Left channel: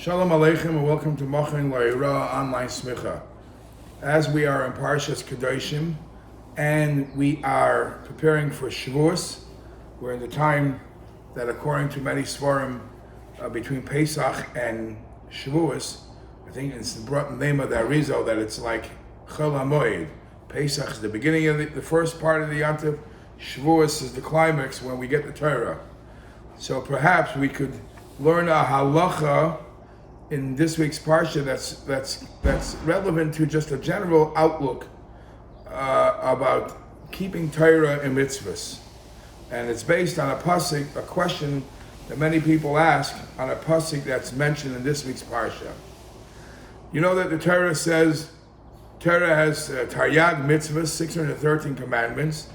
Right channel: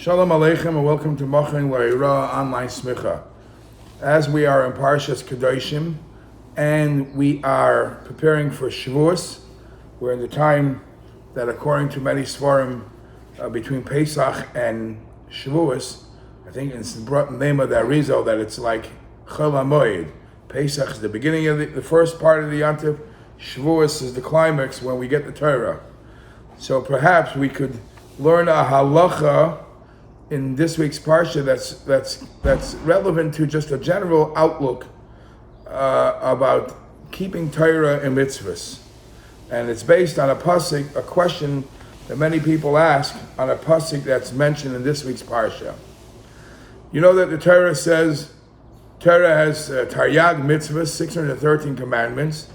Shalom Aleichem and welcome to Mochen L'Eira online Smicha. As we are in Parshas Kedoshim and we are preparing for Shavuos, we're in the time that according to many Svarim between Pesach and Shavuos, I think it's the name of the Arizal that it's like Chol HaMoed. Pesach is the beginning of the first part of the Yantiv, Shavuos is the climax when we get the Torah. So perhaps we could learn a halacha in this week's parsha that's relevant to just a general outlook about keeping Torah and mitzvahs, and it's based on a pasuk, a question that many people ask on a pasuk that's mentioned in this week's parsha. You know that the Torah says Torah has Taryag mitzvahs, 613 commandments,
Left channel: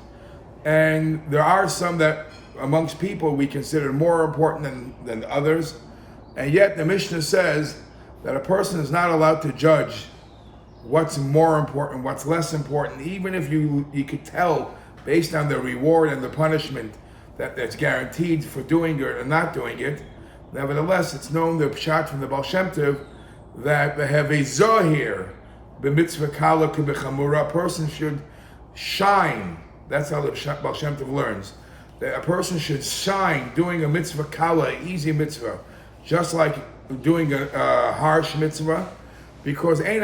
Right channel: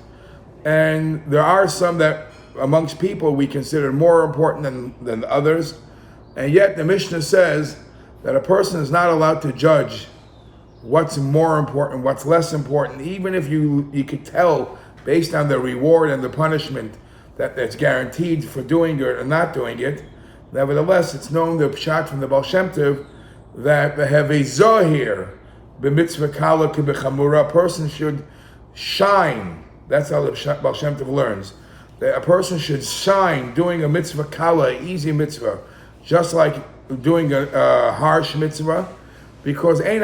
and there are some that amongst people we consider more important than others. And yet the Mishnah says that a person is not allowed to judge what's more important, what's less important, even if you could tell based on the reward and the punishment that's guaranteed for doing it or not doing it. Nevertheless, it's known, the pshat from the Baal Shem Tov, that they have a zohir, b'mitzvah kala k'b'chamura, a person should shine. That's how the Baal Shem Tov learns. That a person should shine doing a mitzvah kala, easy mitzvah, just like doing a harsh mitzvah, because you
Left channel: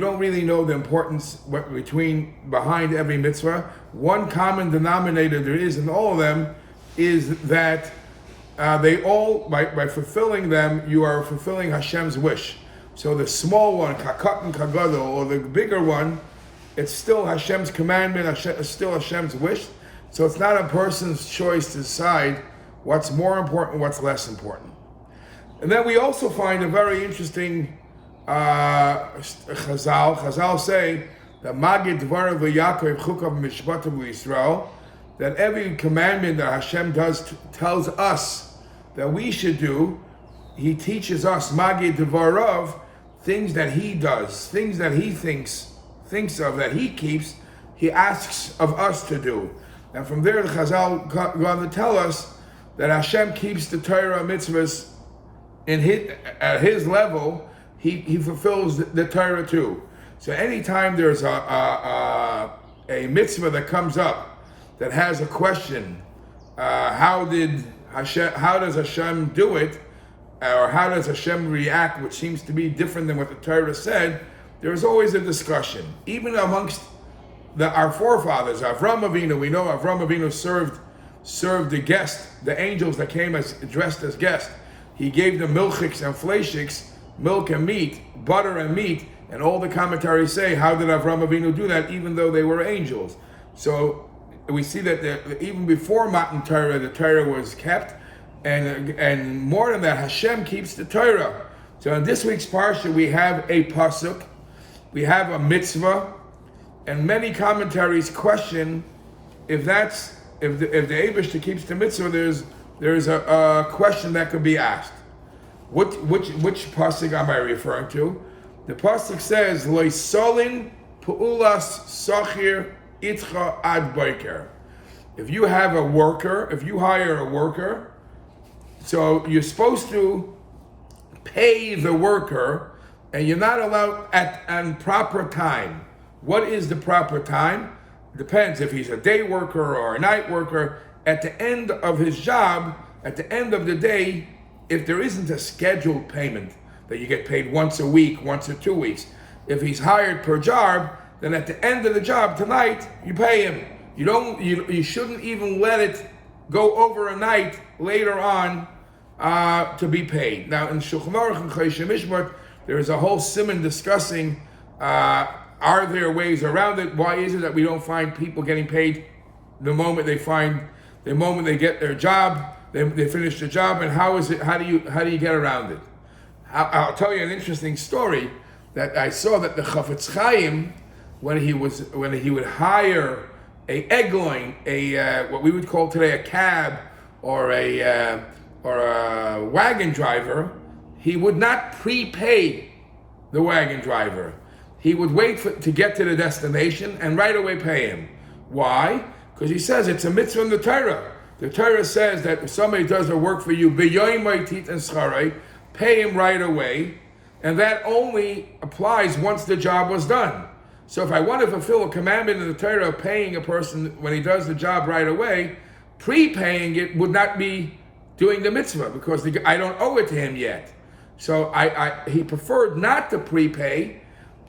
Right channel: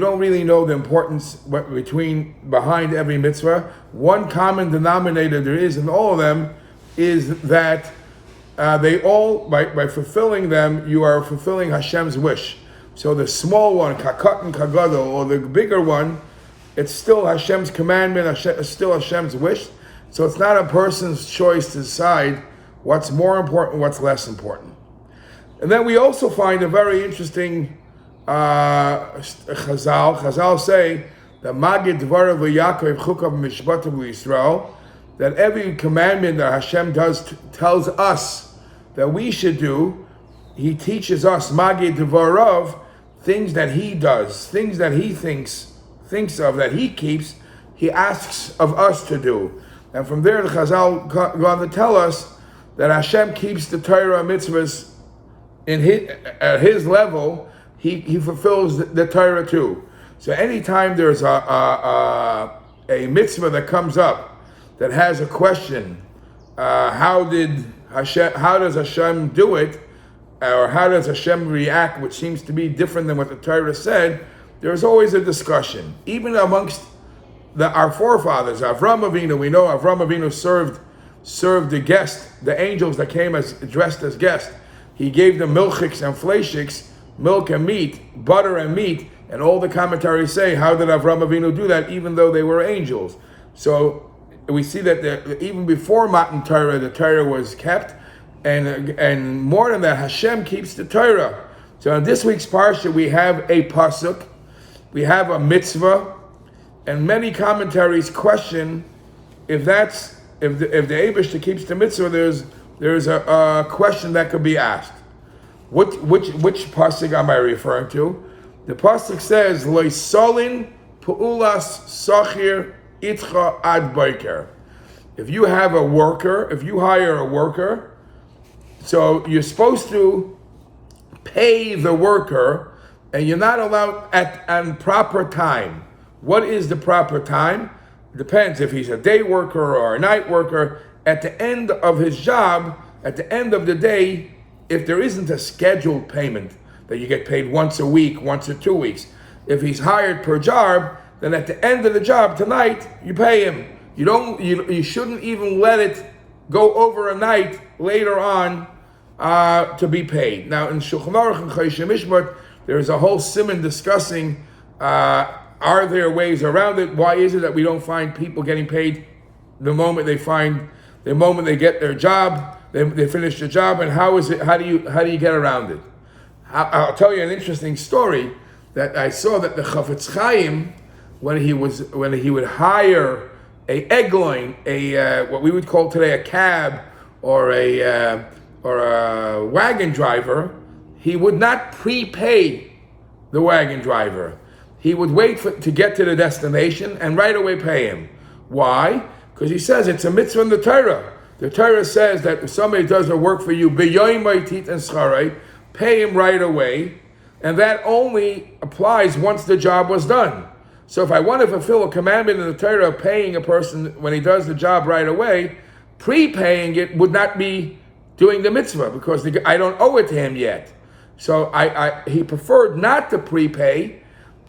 don't really know the importance behind every mitzvah. One common denominator there is in all of them is that they all, by fulfilling them, you are fulfilling Hashem's wish. So the small one, kakatan kagadol, or the bigger one, it's still Hashem's commandment, it's still Hashem's wish. So it's not a person's choice to decide what's more important, what's less important. And then we also find a very interesting Chazal. Chazal say that Magid Dvarav Yaakov Chukav Mishpatav Yisrael, that every commandment that Hashem tells us that we should do, He teaches us Magid Dvarav, things that He does, things that He thinks of, that He keeps, He asks of us to do. And from there the Chazal go on to tell us that Hashem keeps the Torah mitzvahs at His level. He fulfills the Torah too. So anytime there's a mitzvah that comes up that has a question, how does Hashem do it, or how does Hashem react, which seems to be different than what the Torah said, there's always a discussion. Even amongst our forefathers, Avram Avinu, we know Avram Avinu served the guests, the angels that came dressed as guests. He gave them milchiks and fleishiks, milk and meat, butter and meat, and all the commentaries say, how did Avram Avinu do that, even though they were angels? So we see that even before Matan Torah, the Torah was kept, and more than that, Hashem keeps the Torah. So in this week's parsha, we have a pasuk, we have a mitzvah, and many commentaries question if the Eibishter keeps the mitzvah, there's a question that could be asked. Which pasuk am I referring to? The pasuk says, Loisolin pu'ulas sachir itcha ad boker. If you hire a worker, so you're supposed to pay the worker, and you're not allowed on proper time. What is the proper time? Depends if he's a day worker or a night worker. At the end of his job, at the end of the day, if there isn't a scheduled payment that you get paid once a week, once or 2 weeks, if he's hired per job, then at the end of the job tonight, you pay him. You shouldn't even let it go over a night later on to be paid. Now in Shulchan Aruch and Choshen Mishpat, there is a whole siman discussing are there ways around it? Why is it that we don't find people getting paid the moment they get their job, they finish the job, and how do you get around it? I'll tell you an interesting story that I saw, that the Chafetz Chaim, when he would hire a egloin, what we would call today a cab or a wagon driver, he would not prepay the wagon driver. He would wait to get to the destination and right away pay him. Why? Because he says it's a mitzvah in the Torah The Torah says that if somebody does the work for you, pay him right away, and that only applies once the job was done. So if I want to fulfill a commandment in the Torah of paying a person when he does the job right away, prepaying it would not be doing the mitzvah because I don't owe it to him yet. So he preferred not to prepay,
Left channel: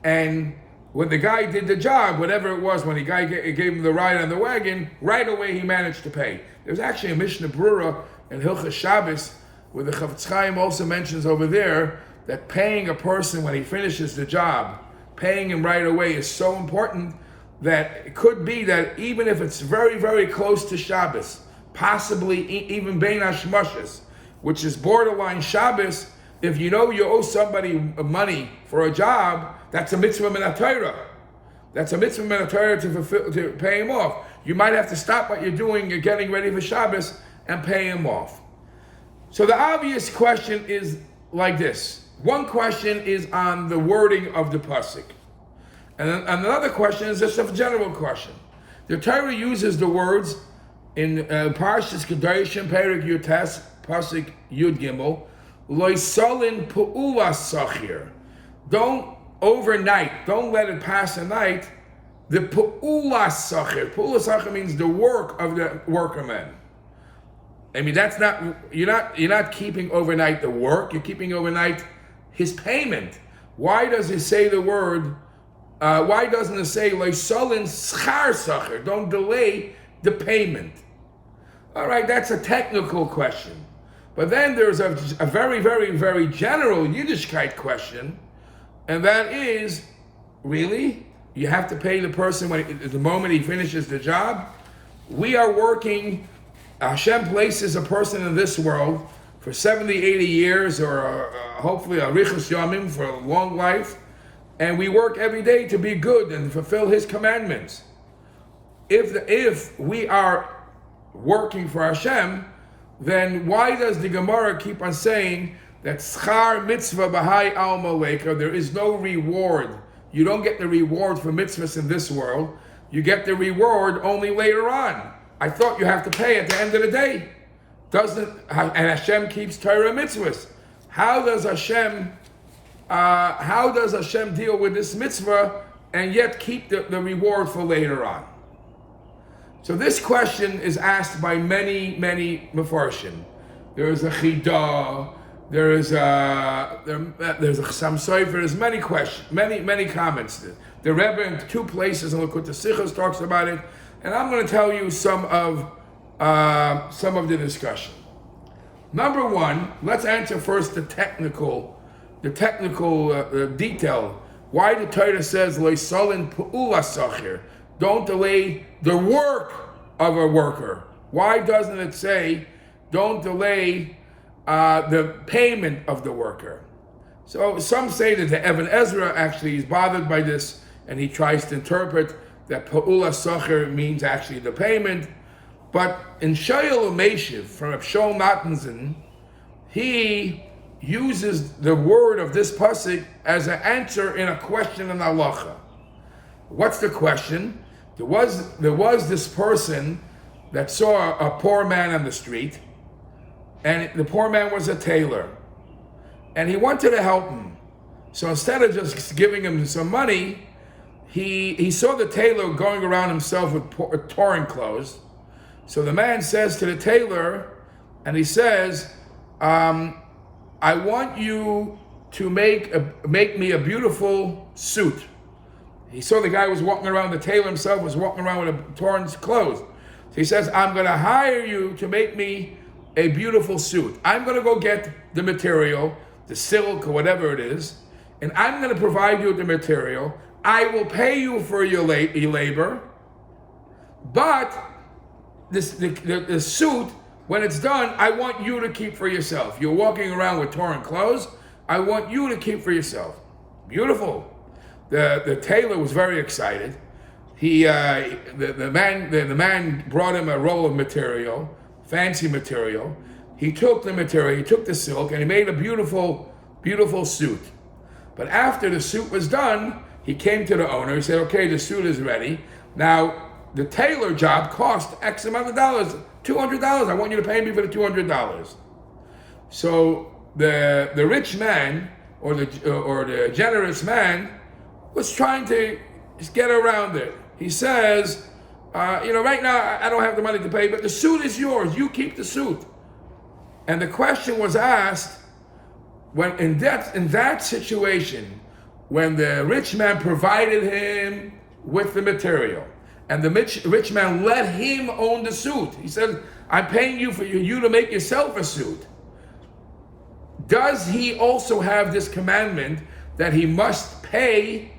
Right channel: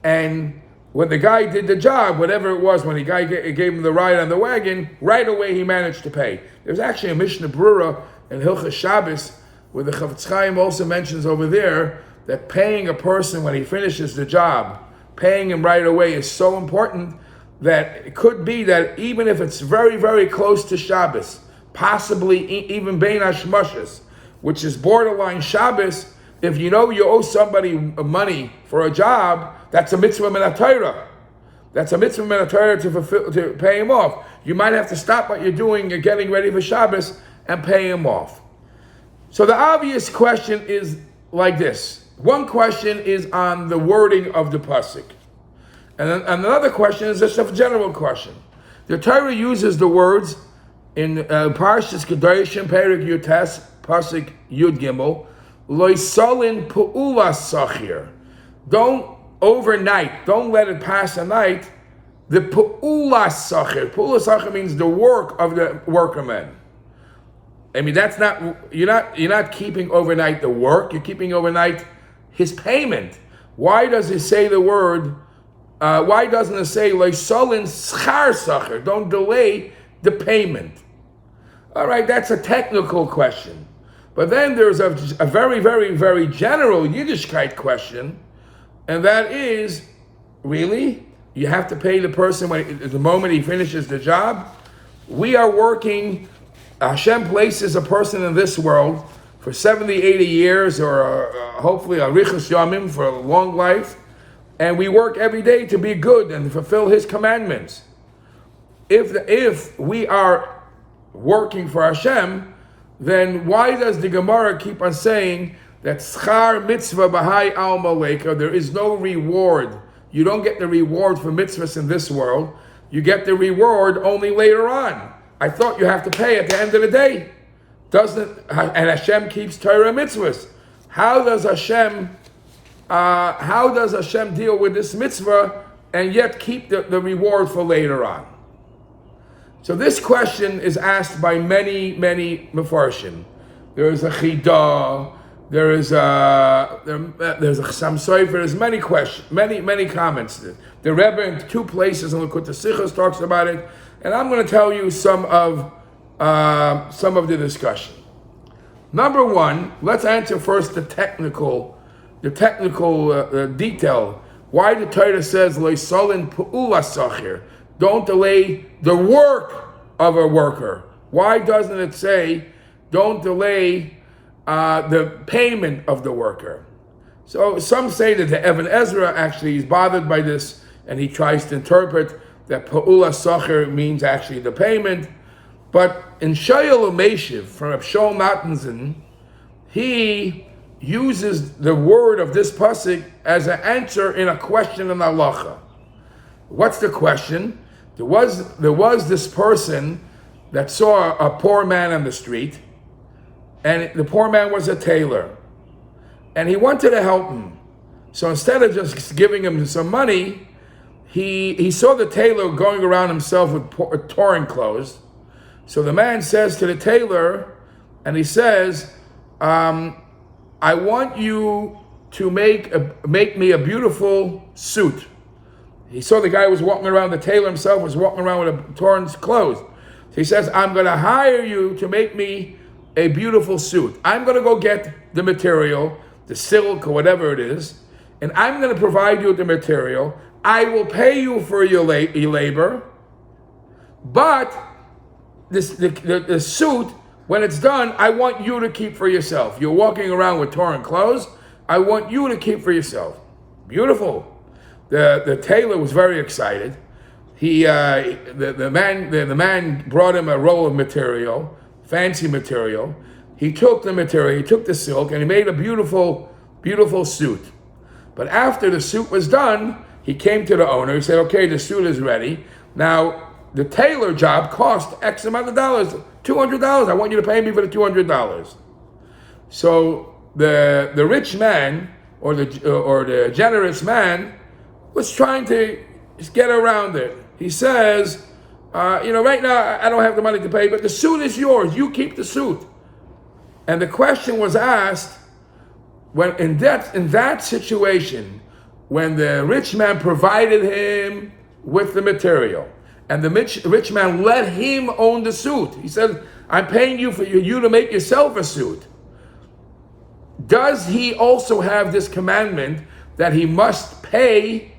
and when the guy did the job, whatever it was, when the guy gave him the ride on the wagon, right away he managed to pay. There's actually a Mishnah Brura in Hilchas Shabbos where the Chavetz Chaim also mentions over there that paying a person when he finishes the job, paying him right away is so important that it could be that even if it's very, very close to Shabbos, possibly even Bein Hashmashas, which is borderline Shabbos, if you know you owe somebody money for a job, that's a mitzvah min ha-Torah. That's a mitzvah min ha-Torah to pay him off. You might have to stop what you're doing and getting ready for Shabbos and pay him off. So the obvious question is like this. One question is on the wording of the pasuk. And another question is just a general question. The Torah uses the words in Parshas Kedoshim, Perek Yutes, pasuk Yud Gimel, Lo Ysolin Pu'ula Sachir. Don't overnight, don't let it pass a night, the Pu'ula Sachir. Pu'ula Sachir means the work of the workerman. I mean, that's not, you're not keeping overnight the work, you're keeping overnight his payment. Why does he say the word, why doesn't it say, Lo Ysolin Schar Sachir? Don't delay the payment. All right, that's a technical question. But then there's a very, very, very general Yiddishkeit question, and that is, really, you have to pay the person the moment he finishes the job? We are working, Hashem places a person in this world for 70, 80 years, or hopefully a Richas Yamim for a long life, and we work every day to be good and fulfill His commandments. If we are working for Hashem, then why does the Gemara keep on saying that schar mitzvah b'hai al maleka, there is no reward? You don't get the reward for mitzvahs in this world. You get the reward only later on. I thought you have to pay at the end of the day. And Hashem keeps Torah mitzvahs. How does Hashem deal with this mitzvah and yet keep the reward for later on? So this question is asked by many, many Mefarshim. There is a Chidah, there's a Chassam Sofer, there's many questions, many comments. The Rebbe in two places in Likutei Sichos talks about it, and I'm going to tell you some of the discussion. Number one, let's answer first the technical detail. Why the Torah says Lo Ysolin Pu'ula Sachir? Don't delay the work of a worker. Why doesn't it say, don't delay the payment of the worker? So some say that the Even Ezra actually is bothered by this, and he tries to interpret that Pa'ula Sachir means actually the payment. But in Shayel Umeshiv, from Abshol Matanzin, he uses the word of this pasuk as an answer in a question in halacha. What's the question? There was this person that saw a poor man on the street, and the poor man was a tailor, and he wanted to help him. So instead of just giving him some money, he saw the tailor going around himself with torn clothes. So the man says to the tailor, and he says, I want you to make me a beautiful suit. He saw the guy was walking around, the tailor himself was walking around with a torn clothes. So he says, I'm going to hire you to make me a beautiful suit. I'm going to go get the material, the silk or whatever it is, and I'm going to provide you with the material. I will pay you for your labor, but the suit, when it's done, I want you to keep for yourself. You're walking around with torn clothes. I want you to keep for yourself. Beautiful. The tailor was very excited. The man brought him a roll of material, fancy material. He took the material, he took the silk, and he made a beautiful, beautiful suit. But after the suit was done, he came to the owner. He said, "Okay, the suit is ready. Now, the tailor job cost X amount of dollars. $200. I want you to pay me for the $200. So the rich man or the generous man was trying to get around it. He says, right now I don't have the money to pay, but the suit is yours. You keep the suit. And the question was asked, when in that situation, when the rich man provided him with the material, and the rich man let him own the suit. He said, I'm paying you for you to make yourself a suit. Does he also have this commandment that he must pay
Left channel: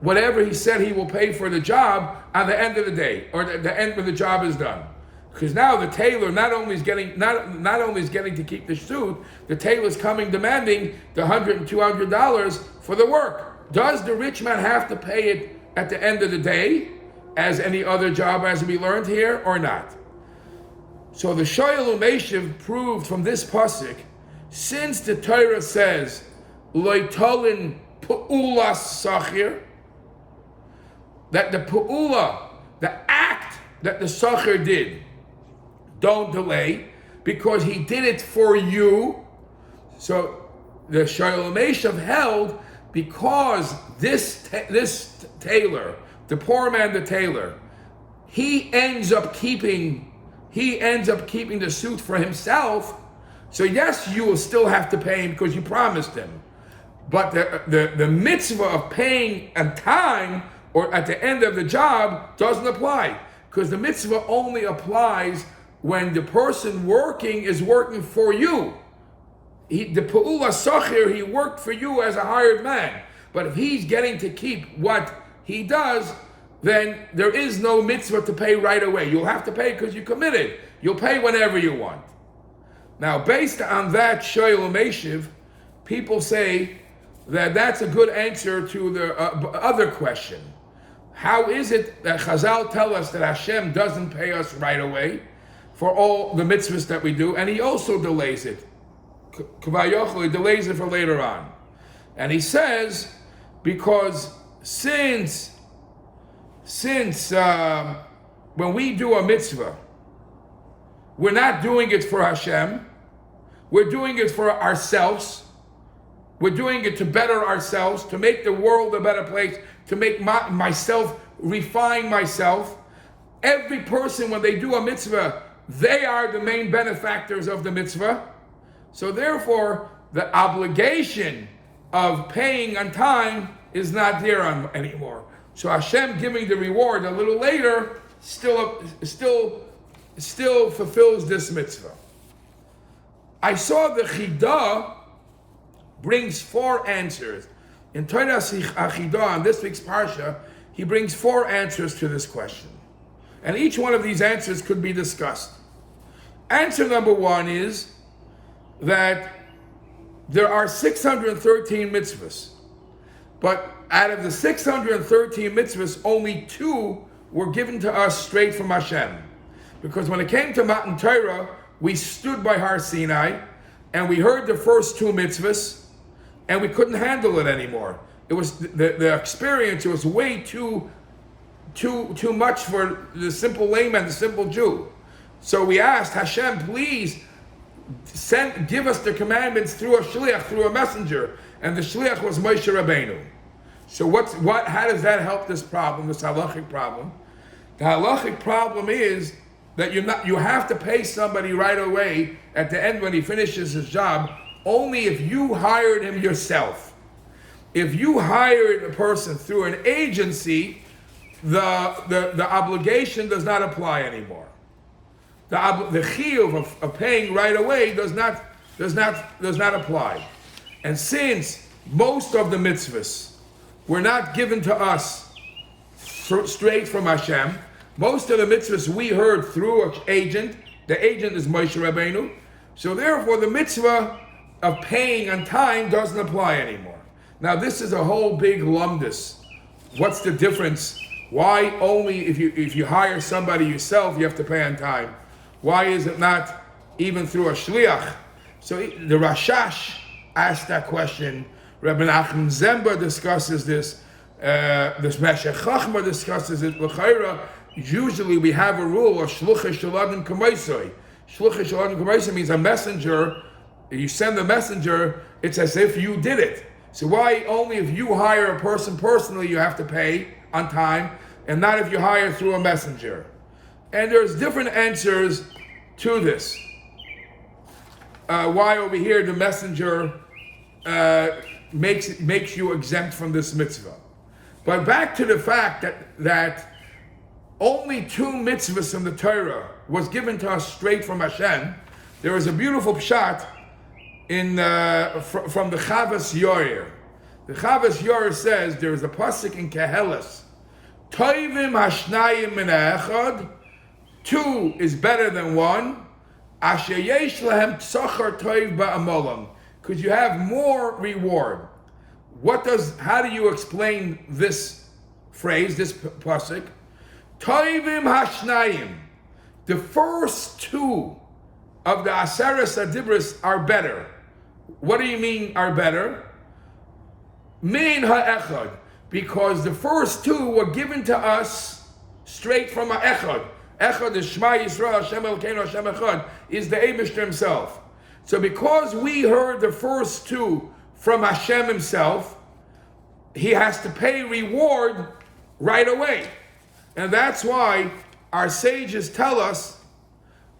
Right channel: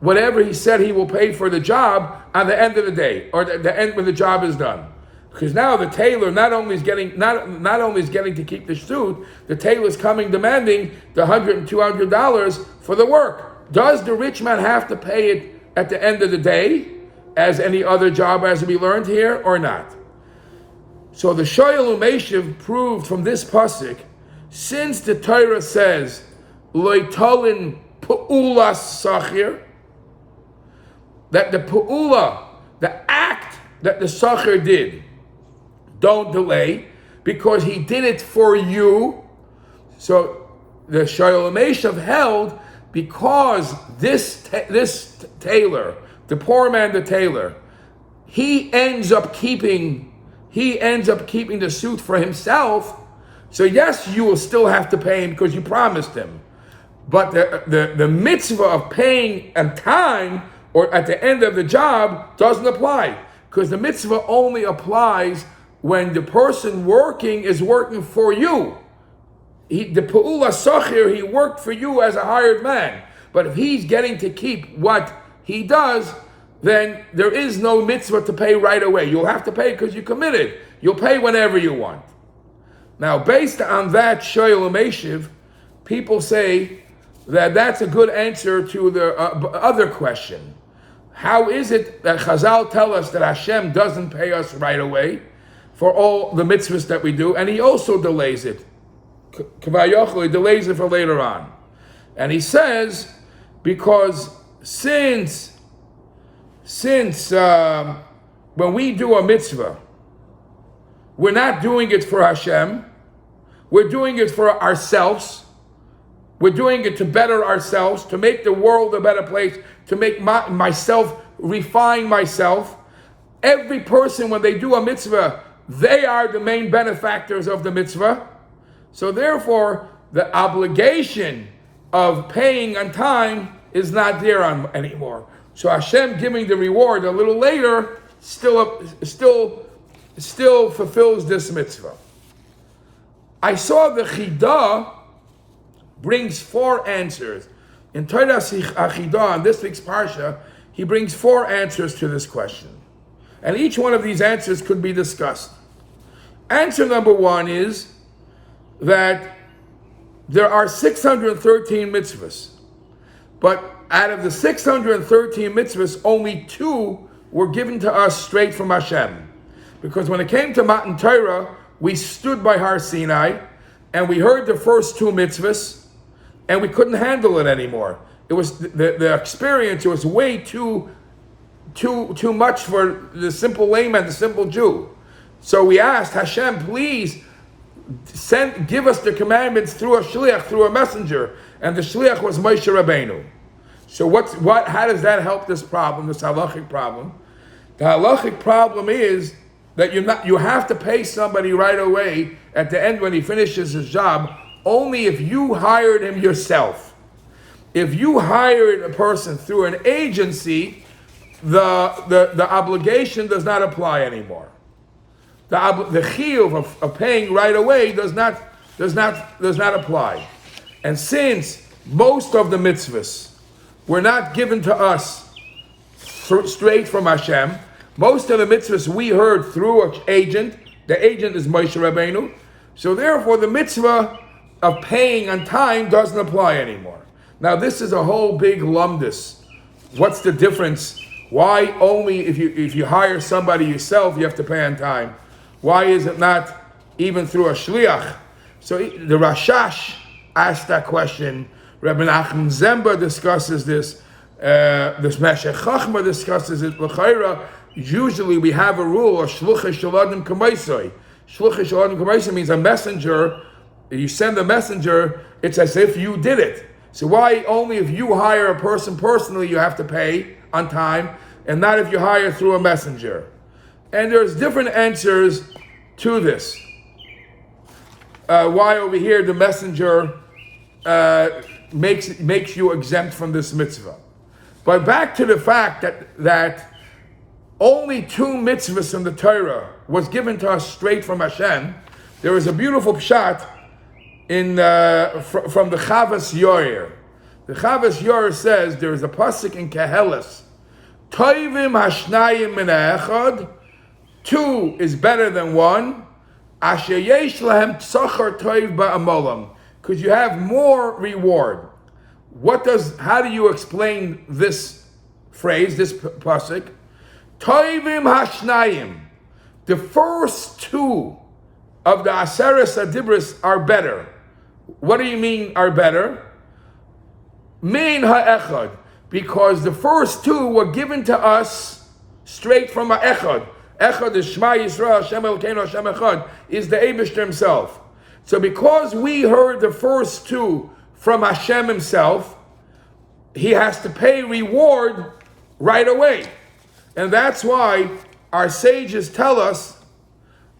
whatever he said he will pay for the job at the end of the day, or the end when the job is done? Because now the tailor not only is getting to keep the suit, the tailor is coming demanding the $100 and $200 for the work. Does the rich man have to pay it at the end of the day, as any other job, as we learned here, or not? So the Shoyal Umeshiv proved from this pasuk, since the Torah says loitalin pu'ulas sachir, that the pu'ula, the act that the sachir did, don't delay, because he did it for you. So the Shoyal Umeshiv held, because this tailor, the poor man, the tailor, he ends up keeping the suit for himself. So yes, you will still have to pay him because you promised him. But the mitzvah of paying on time or at the end of the job doesn't apply, because the mitzvah only applies when the person working is working for you. The Pu'ula Sachir, he worked for you as a hired man. But if he's getting to keep what he does, then there is no mitzvah to pay right away. You'll have to pay because you committed. You'll pay whenever you want. Now, based on that Shoyal Umeshiv, people say that that's a good answer to the other question. How is it that Chazal tell us that Hashem doesn't pay us right away for all the mitzvahs that we do, and he also delays it? He delays it for later on. And he says, because since when we do a mitzvah, we're not doing it for Hashem, we're doing it for ourselves, we're doing it to better ourselves, to make the world a better place, to make myself, refine myself. Every person, when they do a mitzvah, they are the main benefactors of the mitzvah. So therefore, the obligation of paying on time is not there anymore. So Hashem giving the reward a little later still fulfills this mitzvah. I saw the Chidah brings 4 answers. In Torah Chidah, in this week's Parsha, he brings 4 answers to this question. And each one of these answers could be discussed. Answer number 1 is that there are 613 mitzvahs. But out of the 613 mitzvahs, only 2 were given to us straight from Hashem. Because when it came to Matan Torah, we stood by Har Sinai, and we heard the first 2 mitzvahs, and we couldn't handle it anymore. It was the experience. It was way too much for the simple layman, the simple Jew. So we asked Hashem, please give us the commandments through a shliach, through a messenger, and the shliach was Moshe Rabbeinu. So how does that help this problem, this halachic problem? The halachic problem is that you have to pay somebody right away at the end when he finishes his job, only if you hired him yourself. If you hired a person through an agency, the obligation does not apply anymore. The chiyuv of paying right away does not apply. And since most of the mitzvahs were not given to us straight from Hashem, most of the mitzvahs we heard through an agent. The agent is Moshe Rabbeinu. So therefore, the mitzvah of paying on time doesn't apply anymore. Now, this is a whole big lumdus. What's the difference? Why only if you hire somebody yourself you have to pay on time? Why is it not even through a shliach? So the Rashash asked that question. Rabbi Nachman Zemba discusses this. The Smicha discusses it. L'chayra, usually we have a rule of shluchei shaladim kamaisai. Shluchei shaladim kamaisai means a messenger. You send a messenger, it's as if you did it. So why only if you hire a person personally you have to pay on time, and not if you hire through a messenger? And there's different answers to this. Why over here the messenger makes you exempt from this mitzvah. But back to the fact that only 2 mitzvahs in the Torah was given to us straight from Hashem. There is a beautiful pshat from the Chavas Yoyer. The Chavas Yoyer says there is a pasuk in Keheles, Toivim hashnayim min ha'echad, 2 is better than 1, asher yesh lahem tzachar toiv ba'amolam, because you have more reward. How do you explain this phrase, this pasuk? Toivim hashnayim, the first 2 of the Aseres Adibris are better. What do you mean are better? Min ha'echad, because the first 2 were given to us straight from ha'echad. Echad is Shema Yisrael, Hashem Elokeinu, Hashem Echad, is the Eibishter himself. So because we heard the first 2 from Hashem himself, he has to pay reward right away. And that's why our sages tell us,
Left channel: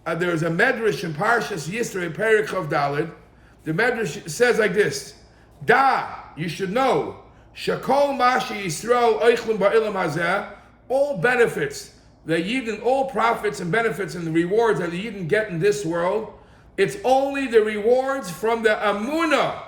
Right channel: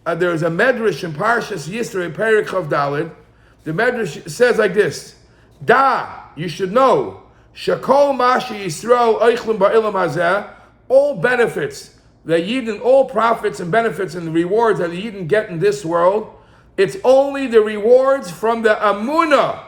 there's a medrash in Parshas Yisro, Perek Chav Daled. The medrash says like this: you should know, Shakol Mashi Yisrael Eichlim Ba'ilam Hazeh, all benefits, the Yidden, all profits and benefits and the rewards that the Yidden get in this world, it's only the rewards from the Amunah,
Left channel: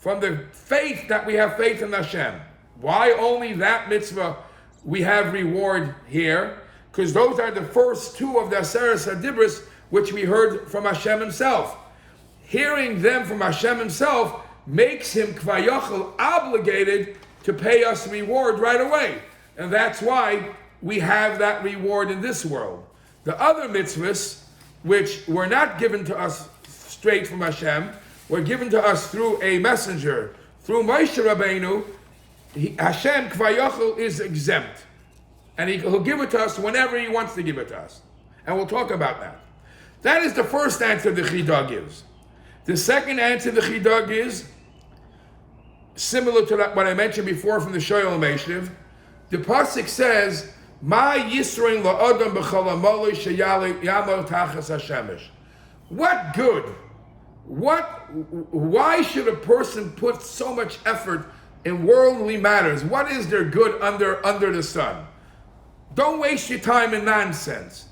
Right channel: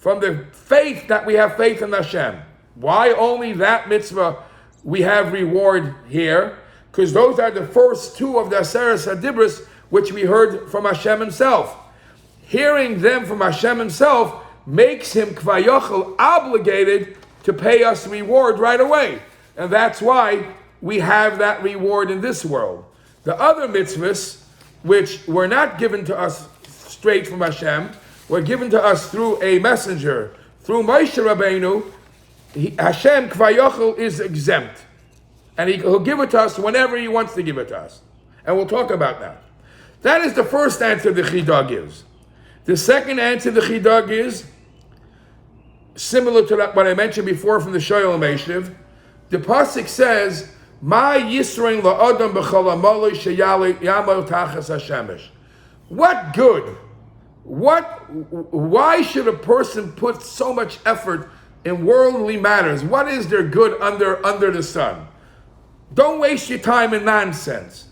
from the faith that we have faith in Hashem. Why only that mitzvah we have reward here? Because those are the first 2 of the Aseres Hadibros which we heard from Hashem himself. Hearing them from Hashem himself makes him kvayochel obligated to pay us reward right away. And that's why we have that reward in this world. The other mitzvahs, which were not given to us straight from Hashem, were given to us through a messenger, through Moshe Rabbeinu. Hashem kvayochel is exempt. And he'll give it to us whenever he wants to give it to us. And we'll talk about that. That is the first answer the Chidah gives. The second answer the Chidah gives, similar to what I mentioned before from the Shoyal Meshiv, the pasuk says, "Ma yisrein la'adam b'chol ha'maloi sheyamol tachas hashemesh." What good? Why should a person put so much effort in worldly matters? What is there good under the sun? Don't waste your time in nonsense.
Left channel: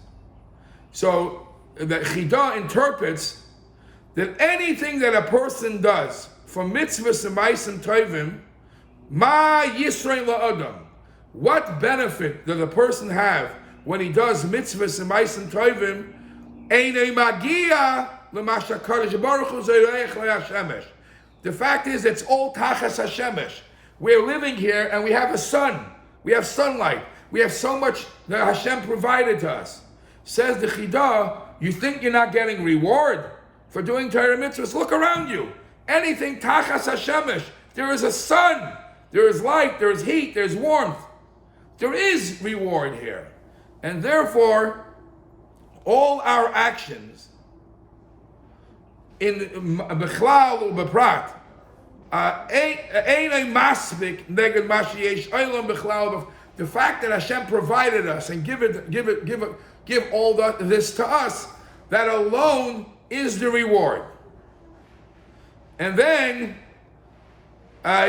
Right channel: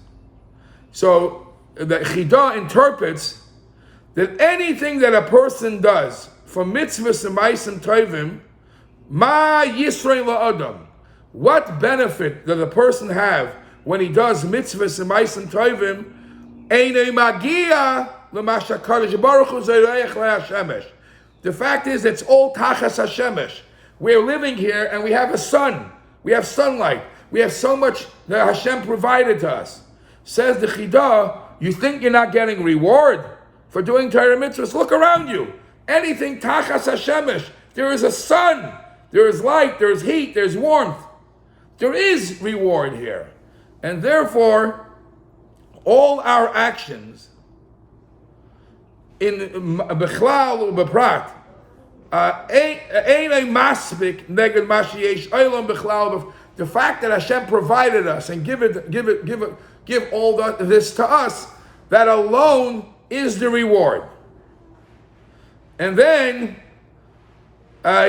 So the Chidah interprets that anything that a person does, from mitzvahs and ma'asim tovim, ma yisrein la'adam, what benefit does a person have when he does mitzvahs and ma'asim tovim? Einei magia l'ma shekadosh baruch hu zoreich le'hashemesh. The fact is, it's all tachas hashemesh. We're living here and we have a sun. We have sunlight. We have so much that Hashem provided to us. Says the Chidah, you think you're not getting reward for doing Torah mitzvahs? Look around you. Anything tachas hashemesh. There is a sun. There is light. There is heat. There's warmth. There is reward here. And therefore, all our actions in Bechlal or Beprat ain't a masbik neged mashiesh olam bechlal. The fact that Hashem provided us and give all this to us, that alone is the reward. And then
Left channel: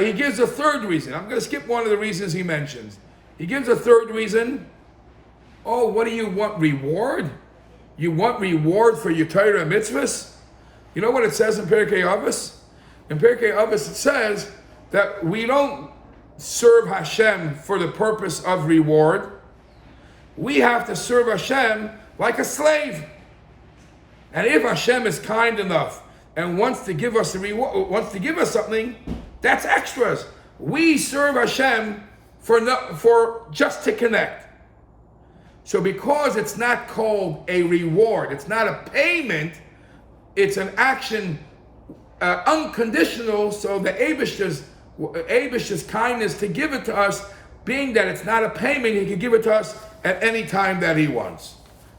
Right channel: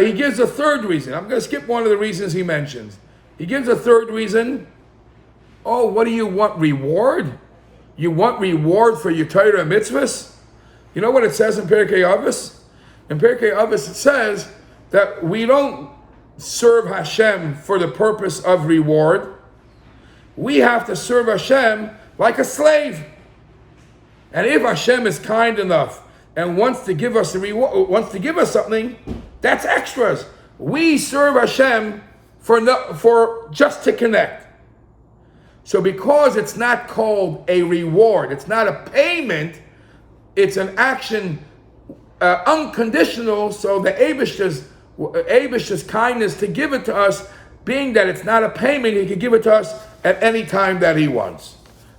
he gives a third reason. I'm going to skip one of the reasons he mentions. He gives a third reason. Oh, what do you want? Reward? You want reward for your Torah mitzvahs? You know what it says in Pirkei Avos? In Pirkei Avos it says that we don't serve Hashem for the purpose of reward. We have to serve Hashem like a slave. And if Hashem is kind enough and wants to give us a reward, wants to give us something, that's extras. We serve Hashem for just to connect. So because it's not called a reward, it's not a payment, it's an action unconditional, so the Eibishter's kindness to give it to us being that it's not a payment, he can give it to us at any time that he wants.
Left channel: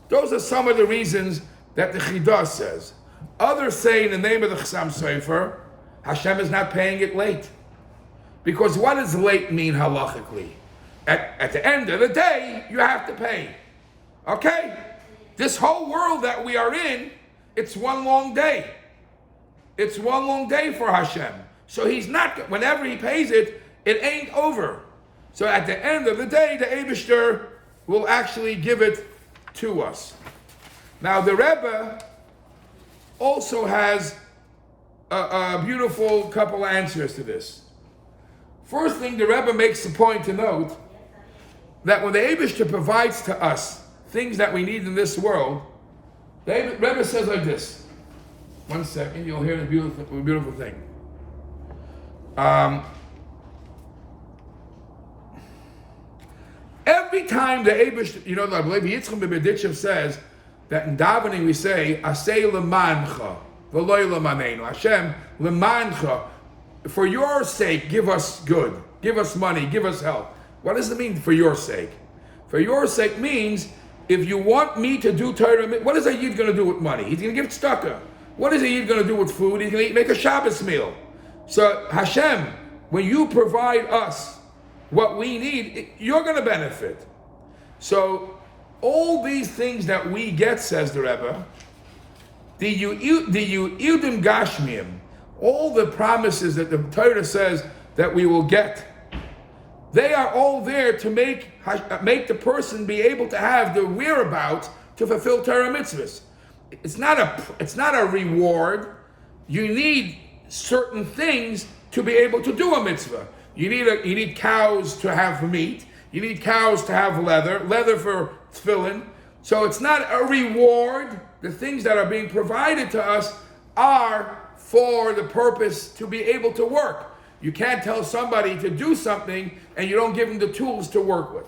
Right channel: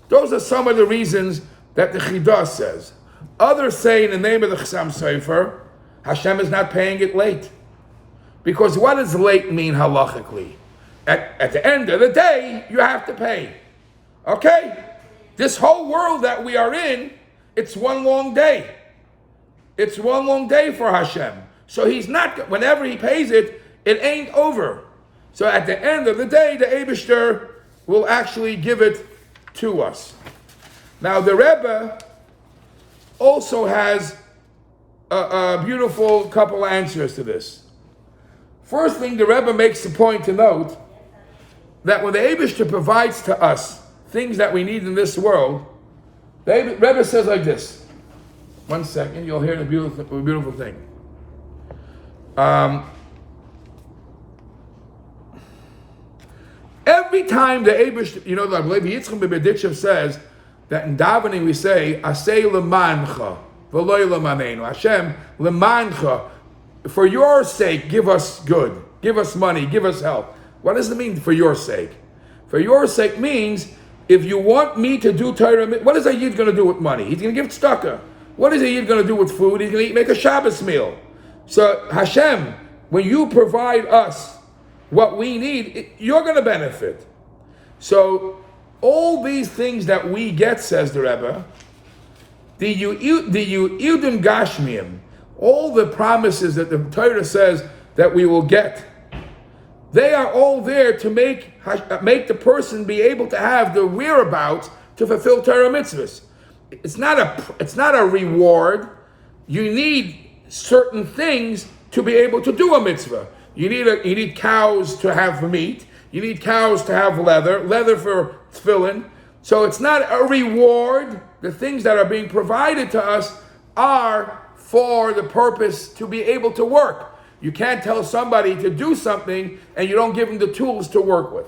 Those are some of the reasons that the Chidah says. Others say in the name of the Chassam Sofer, Hashem is not paying it late. Because what does late mean halachically? At the end of the day, you have to pay. Okay? This whole world that we are in, it's one long day. It's one long day for Hashem. So he's not, whenever he pays it, it ain't over. So at the end of the day, the Eibishter will actually give it to us. Now the Rebbe also has a beautiful couple of answers to this. First thing, the Rebbe makes the point to note that when the Eibishter provides to us things that we need in this world, the Rebbe says like this. 1 second, you'll hear a beautiful thing. Every time the Eibishter, the Levi Yitzchak B'Beditchev says that in davening we say, Asay lemancha, v'loy lemanenu. Hashem, lemancha, for your sake, give us good, give us money, give us help. What does it mean, for your sake? For your sake means, if you want me to do Torah, what is a Yid going to do with money? He's going to give tzedakah. What is a Yid going to do with food? He's going to make a Shabbos meal. So Hashem, when you provide us what we need, you're going to benefit. So all these things that we get, says the Rebbe, the Yudim Gashmiim, all the promises that the Torah says that we will get, they are all there to make the person be able to have the whereabouts to fulfill Torah mitzvahs. It's not a reward. You need certain things to be able to do a mitzvah. You need cows to have meat. You need cows to have leather for tefillin. So it's not a reward. The things that are being provided to us are for the purpose to be able to work. You can't tell somebody to do something and you don't give them the tools to work with.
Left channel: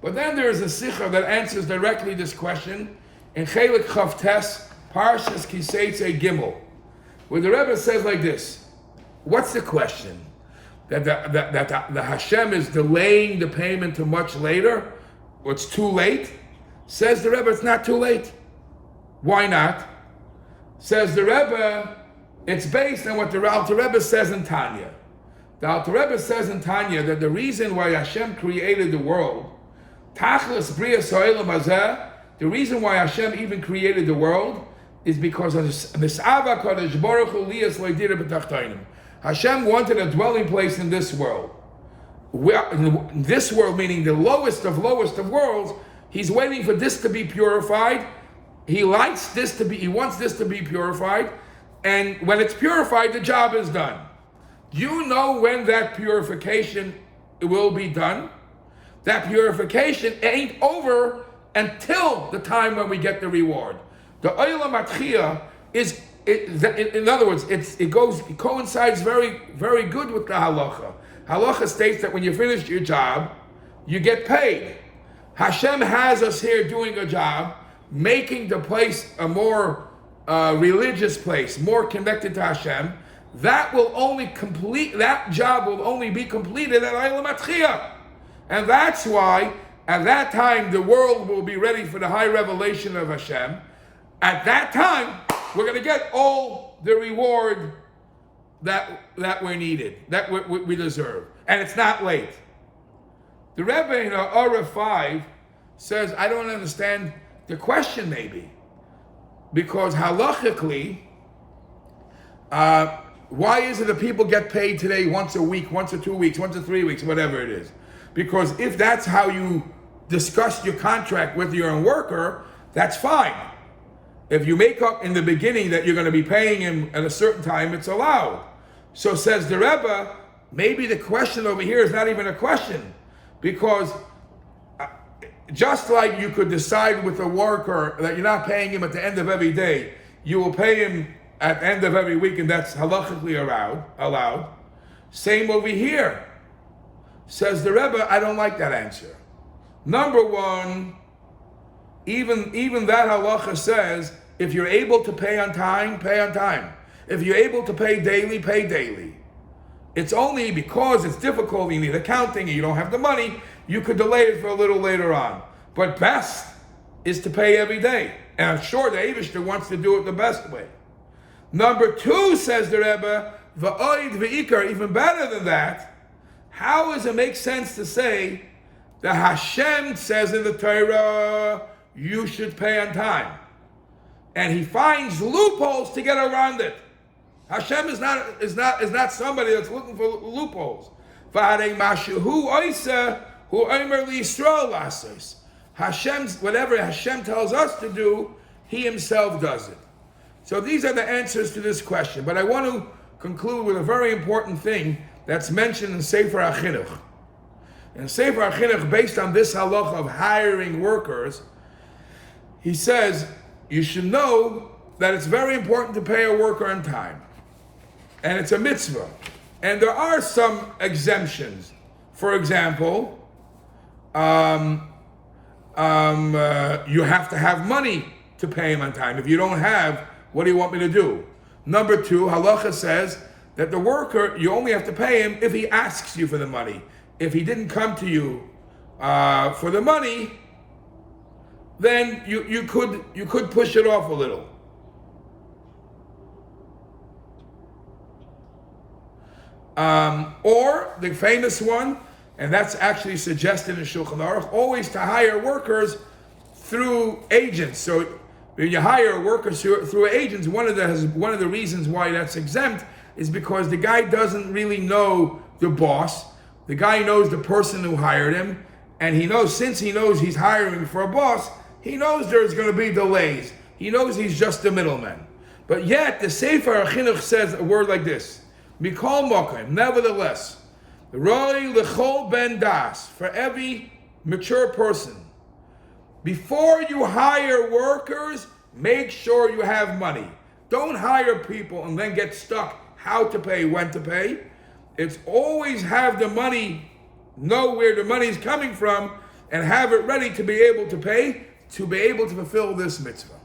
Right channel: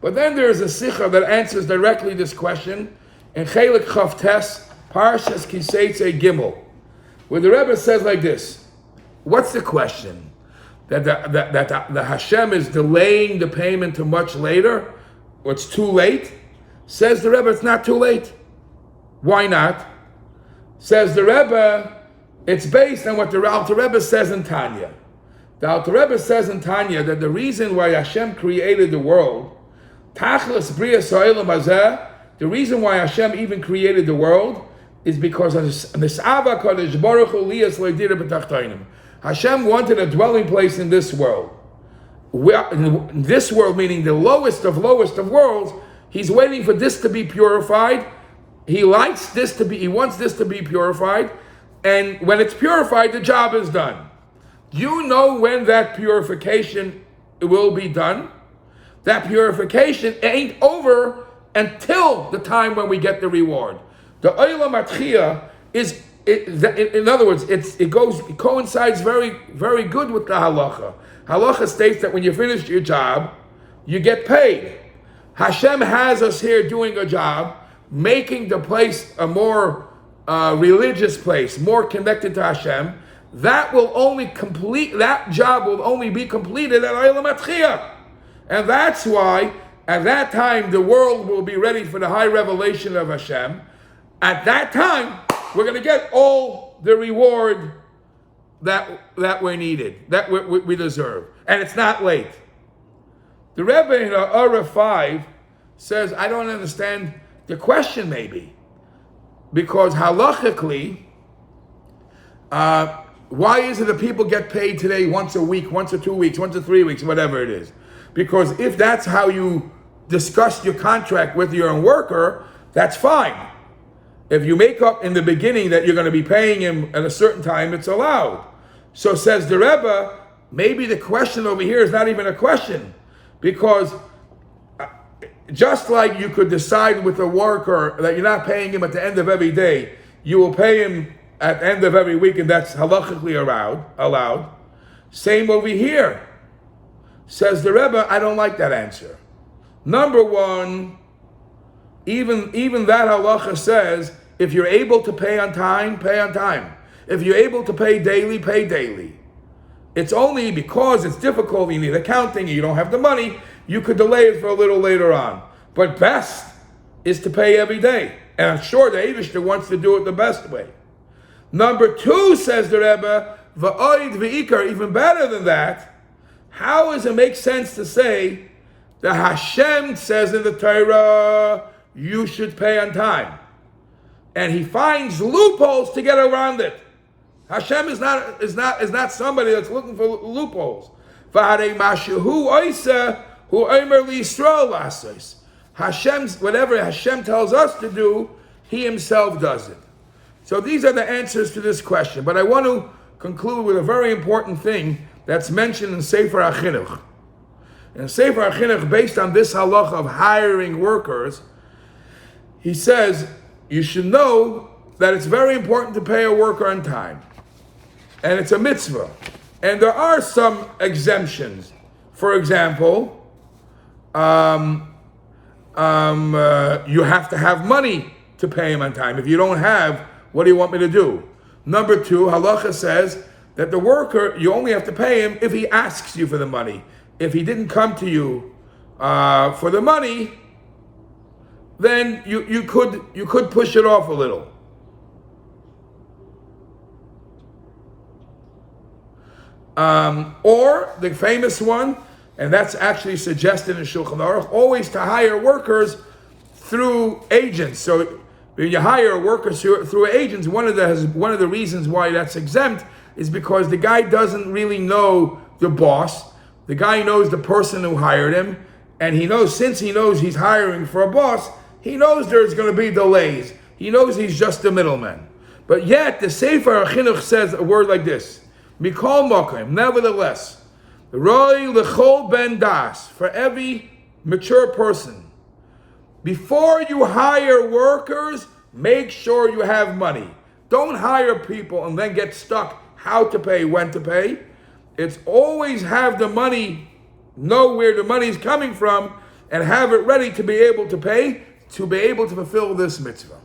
But then there is a Smicha that answers directly this question in Chelik Chavtes, Parshas Kiseitze Gimel, where the Rebbe says like this. What's the question? That the Hashem is delaying the payment to much later? Or it's too late? Says the Rebbe, it's not too late. Why not? Says the Rebbe, it's based on what the Alter Rebbe says in Tanya. The Alter Rebbe says in Tanya that the reason why Hashem created the world, Tachlis Brias Ha'olam Hazeh, the reason why Hashem even created the world is because of Nis'ava Kadosh Baruch Hu Liyas Lo'idira B'Tachtonim. Hashem wanted a dwelling place in this world. In this world, meaning the lowest of worlds, he's waiting for this to be purified. He wants this to be purified, and when it's purified, the job is done. You know when that purification will be done? That purification ain't over until the time when we get the reward. The Olam Atchiyah is, in other words, it coincides very, very good with the halacha. Halacha states that when you finish your job, you get paid. Hashem has us here doing a job, making the place a more religious place, more connected to Hashem. That job will only be completed at Olam Atchiyah. And that's why, at that time, the world will be ready for the high revelation of Hashem. At that time, we're going to get all the reward that we needed, that we deserve. And it's not late. The Rebbe in Ora 5 says, I don't understand the question maybe. Because halachically, why is it that people get paid today once a week, once or 2 weeks, once or 3 weeks, whatever it is? Because if that's how you discuss your contract with your worker, that's fine. If you make up in the beginning that you're going to be paying him at a certain time, it's allowed. So says the Rebbe, maybe the question over here is not even a question. Because just like you could decide with a worker that you're not paying him at the end of every day, you will pay him at the end of every week, and that's halachically allowed. Same over here. Says the Rebbe, I don't like that answer. Number one, even that halacha says, if you're able to pay on time, pay on time. If you're able to pay daily, pay daily. It's only because it's difficult, you need accounting, and you don't have the money, you could delay it for a little later on. But best is to pay every day. And I'm sure the Eibishter wants to do it the best way. Number 2, says the Rebbe, v'oid v'ikar, even better than that, how does it make sense to say that Hashem says in the Torah, you should pay on time? And he finds loopholes to get around it. Hashem is not somebody that's looking for loopholes. Hashem's, whatever Hashem tells us to do, he himself does it. So these are the answers to this question. But I want to conclude with a very important thing that's mentioned in Sefer HaChinuch. In Sefer HaChinuch, based on this halacha of hiring workers, he says, you should know that it's very important to pay a worker on time. And it's a mitzvah. And there are some exemptions. For example, you have to have money to pay him on time. If you don't have, what do you want me to do? Number 2, halacha says that the worker, you only have to pay him if he asks you for the money. If he didn't come to you for the money, then you could push it off a little. Or the famous one, and that's actually suggested in Shulchan Aruch, always to hire workers through agents. So when you hire workers through agents, one of the reasons why that's exempt is because the guy doesn't really know the boss. The guy knows the person who hired him, and since he knows he's hiring for a boss, he knows there's going to be delays. He knows he's just the middleman. But yet, the Sefer HaChinuch says a word like this: Mikol Mokim, nevertheless, Roi L'chol Ben Das, for every mature person, before you hire workers, make sure you have money. Don't hire people and then get stuck how to pay, when to pay. It's always have the money, know where the money is coming from, and have it ready to be able to pay, to be able to fulfill this mitzvah.